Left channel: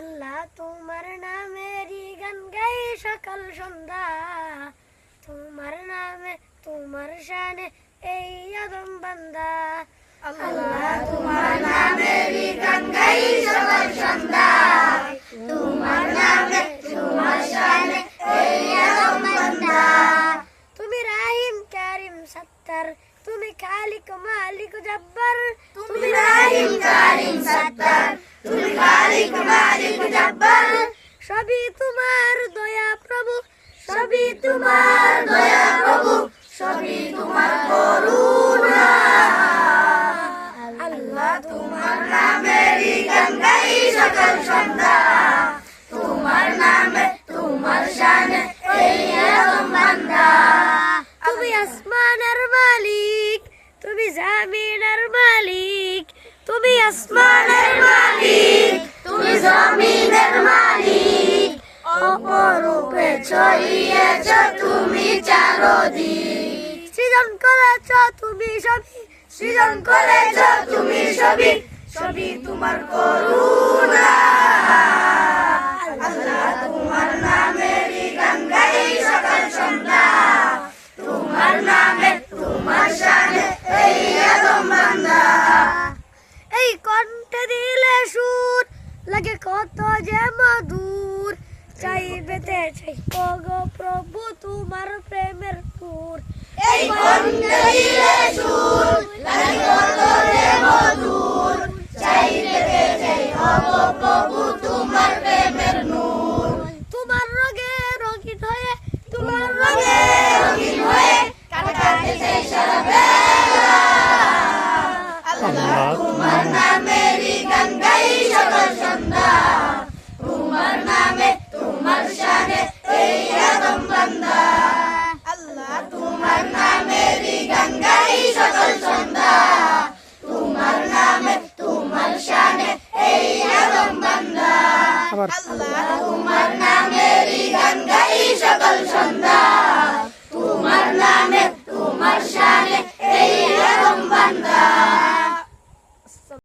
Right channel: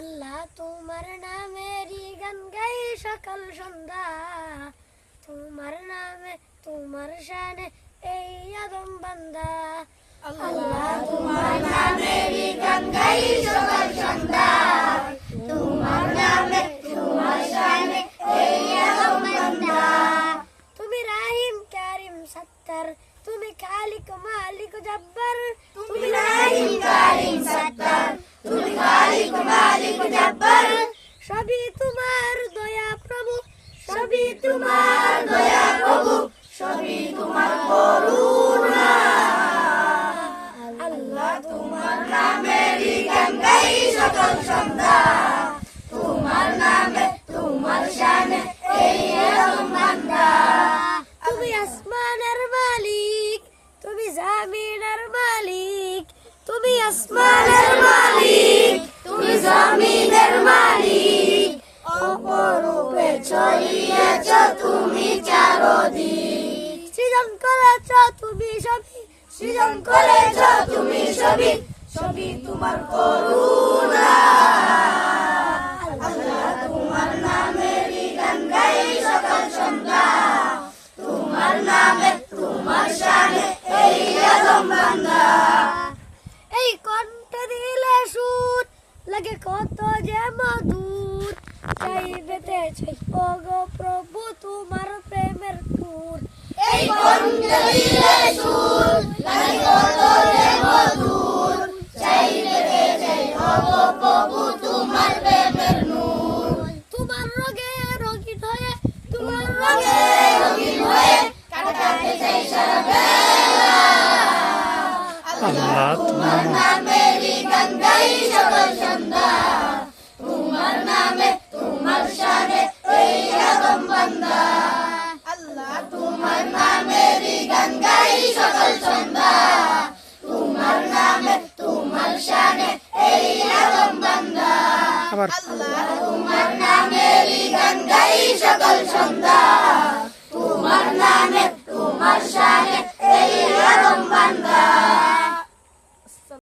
আল্লাহ তোমার নামেরই গান গাই সকাল সন্ধ্যা, তোমার নামে তোমার শানে এই আদম বান্দা। আল্লাহ তোমার নামেরই গান গাই সকাল সন্ধ্যা, তোমার নামে তোমার শানে এই আদম বান্দা। তুমি রাহিম কারিম সত্তার, তুমি খালিক মালিক জব্বার। তুমি রাহিম কারিম সত্তার, তুমি খালিক মালিক জব্বার। সবই তোমার দয়া প্রভু, সবই তোমার দয়া প্রভু, সবই তোমার করুণা। আল্লাহ তোমার নামেরই গান গাই সকাল সন্ধ্যা, তোমার নামে তোমার শানে এই আদম বান্দা। তুমি আসমানের মালিক, তুমি জমিনের মালিক। তুমি আসমানের মালিক, তুমি জমিনের মালিক। অপরূপে ছড়িয়েছ তুমি চারদিক। সৃজন করেছ তুমি সবই, সৃজন করেছ তুমি সবই, সবই তোমার করুণা। আল্লাহ তোমার নামেরই গান গাই সকাল সন্ধ্যা, তোমার নামে তোমার শানে এই আদম বান্দা। এই কণ্ঠে দিলে সুর লাগে কত যে মধুর, চাই পেতে চাই ওগো প্রভু তোমার প্রেমের সুর। এই কণ্ঠে দিলে সুর লাগে কত যে মধুর, চাই পেতে চাই ওগো প্রভু তোমার প্রেমের নূর। তোমার রঙে রঙিন হয়ে, তোমার রঙে রঙিন হয়ে কাটাতে চাই সারা বেলা। আল্লাহ তোমার নামেরই গান গাই সকাল সন্ধ্যা, তোমার নামে তোমার শানে এই আদম বান্দা। আল্লাহ তোমার নামেরই গান গাই সকাল সন্ধ্যা, তোমার নামে তোমার শানে এই আদম বান্দা। আল্লাহ তোমার নামেরই গান গাই সকাল সন্ধ্যা,